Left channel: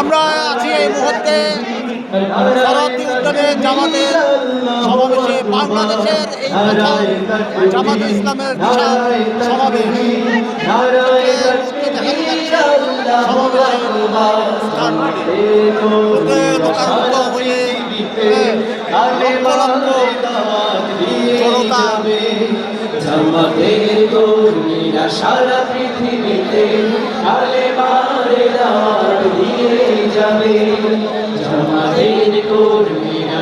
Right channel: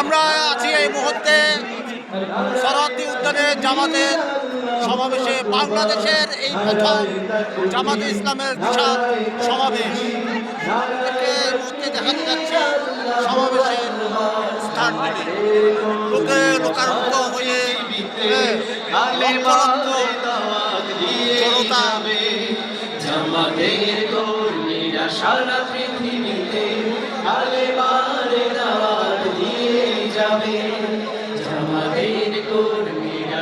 আমরা আছি এই মুহূর্তে শরৎ উদ্যানে জামাতের সমাবেশে। বাংলাদেশের এই প্রথম জামাতে ইসলামের বিশাল সমাবেশ দেখাতে যাচ্ছে। সমাবেশের স্থানগুলি লোকে লোকারুদ্ধ হয়ে লক্ষ লক্ষ জনতা জামাতের কর্মীরা সারা পৃথিবীতে কালেমারে দাওয়াত দিয়ে যাবে। জামাতের কর্মীরা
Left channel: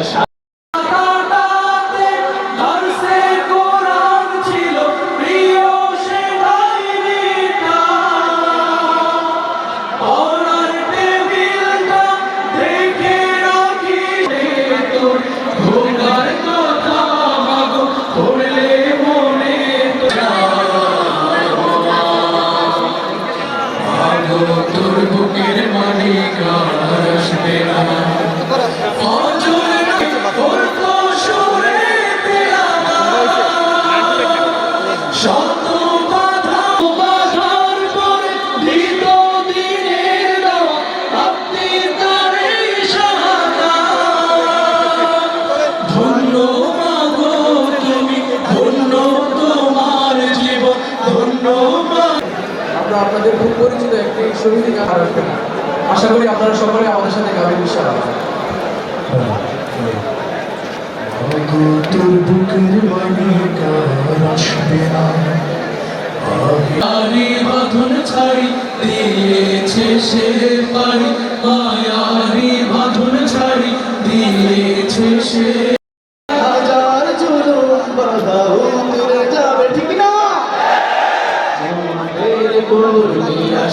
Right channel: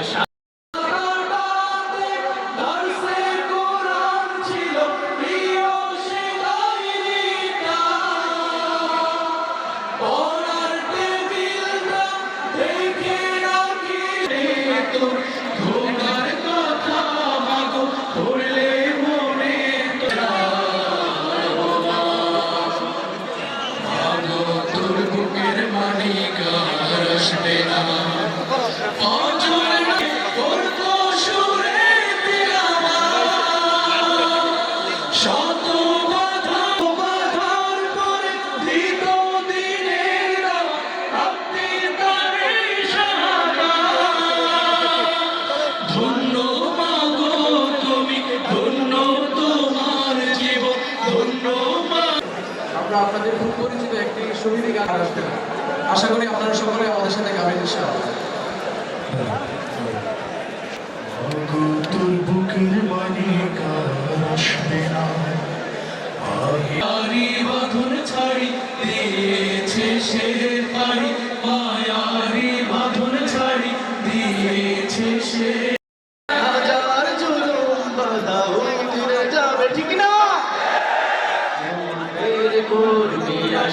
আপনাদের খুব পরিচিত একটি শহীদ গান আসবে। আশা করি আপনারা সকলে আমাদের সাথে গাবেন ইনশাআল্লাহ। বুকের মানে কার আসবে না বাঁধন ছাড়ি দিয়েছে সে পারি, মায়ারি বাঁধন ছাড়ি দিয়েছে সে। হাজার জুলুম বাধা উঠে যাবে, ঠিক না? জামাতের কর্মীরা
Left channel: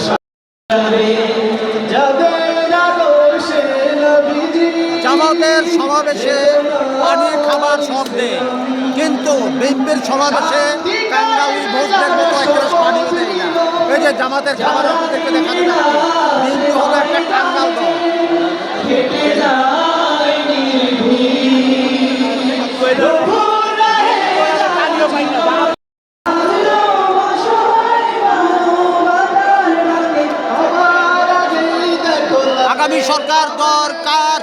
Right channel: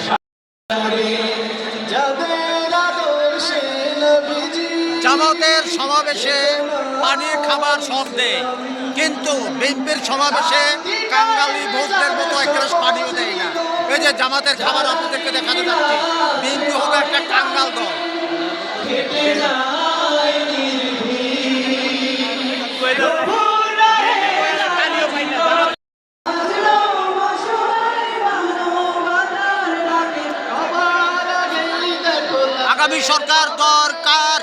জামাতের সমাবেশে পানি খাবার সব দেয়, কিন্তু বিএনপির সমাবেশে কাঙ্গালি ভোটদের মতো একটা পানিও দেয় না। এই যে জামাতের খাবার আপনাদেরকে দেখাতে যাচ্ছি, বিএনপি হলো একটা কাঙ্গাল দল। আগামী সরকার দরকার,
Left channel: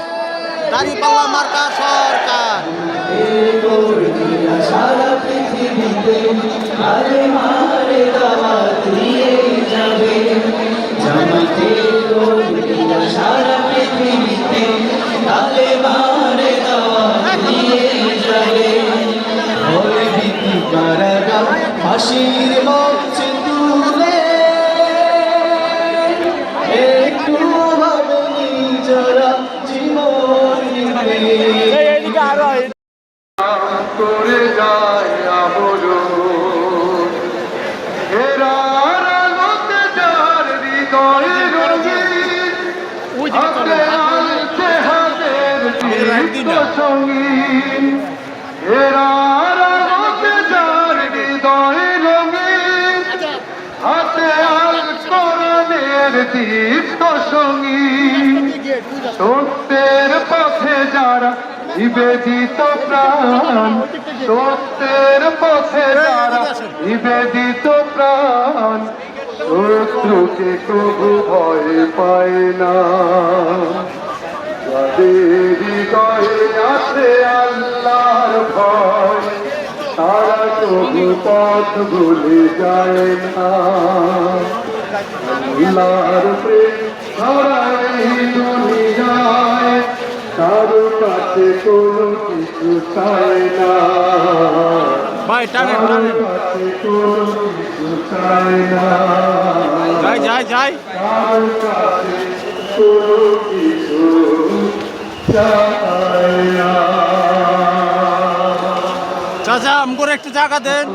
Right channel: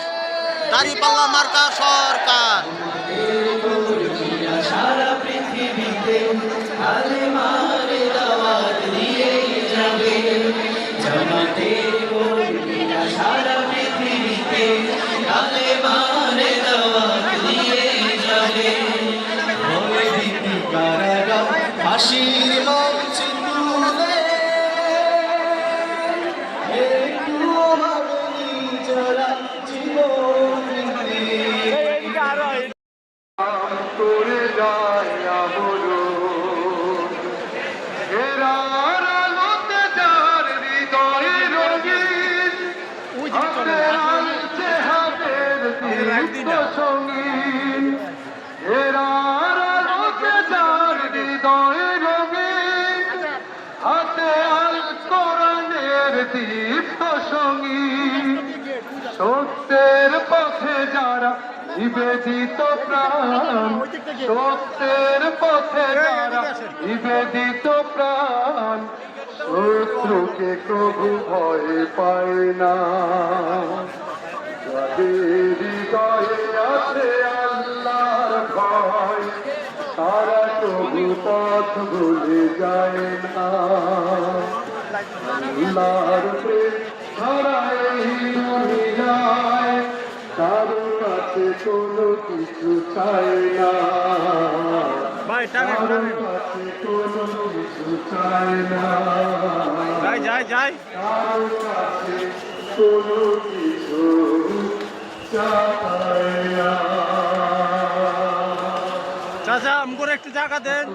দাঁড়িপাল্লা মার্কা সরকার। সারা পৃথিবীতে কালেমারে দাওয়াত দিয়ে যাবে। জামাতের কর্মীরা সারা পৃথিবীতে কালেমারে দাওয়াত দিয়ে যাবে। ভয় ভীতি কারাগার ফাঁসির মঞ্চে তুলে একটু ভাবে নিজরা জীবন নিবে। করে যায় আমরণ হেরার আলোতে যার হৃদয় রঙিন হাতের দীপ্ত সঙ্গীন। হেরার আলোতে যার হৃদয় রঙিন, হাতে আল কোরআনের দীপ্ত সঙ্গীন। সত্যের পথে যারা নিবেদিত প্রাণ, সত্যের পথে যারা নিবেদিত প্রাণ, শত্রুকে কবু ভয় পায় না। যাদের হৃদয়ে আছে আল্লাহর ভয়, তারা কবু পথ ভুলে যায় না। আল্লাহর প্রেম ছড়ায় দুনিয়ায়, কারো কাছে কোনো কিছু চায় না। ভাই টানেন টানেন, কাছে কোনো কিছু চায় না। যাই যাই যাই। কারো কাছে কোনো কিছু চায় না। চাচা আমগরে একটু জায়গা দেন।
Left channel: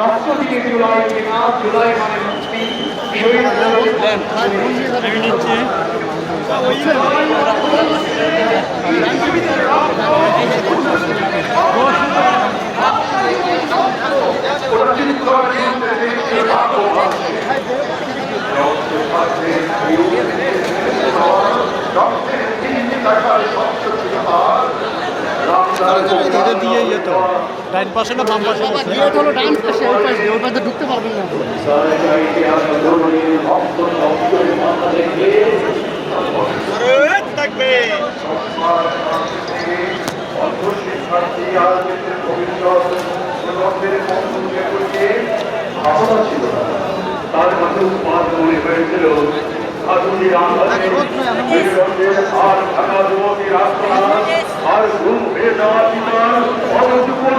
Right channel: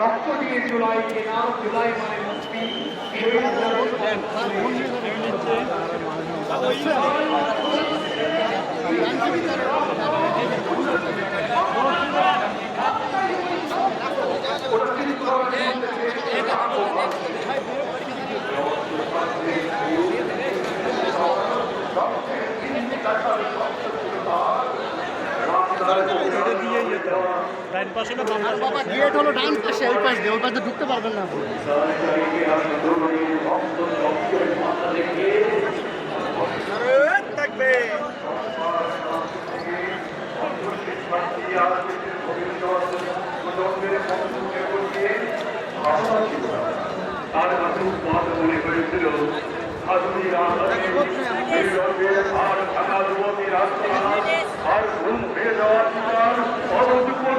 রক্ত দিয়ে জুলাই কেনা, জুলাই মানে মুক্তি। শহীদ এটা দিয়ে যেত ডাইন পাশে না বাম পাশে বাবা গেট হলো ডান পাশে, ওই পাশে ওই পাশে ঢুকতে পারবেন না আপনি। তার কাছে মনে হয়েছিল আধুনিক আর ঢাকা যুবকের আত্মা আর ঘুম হয়ে যাওয়া জীবন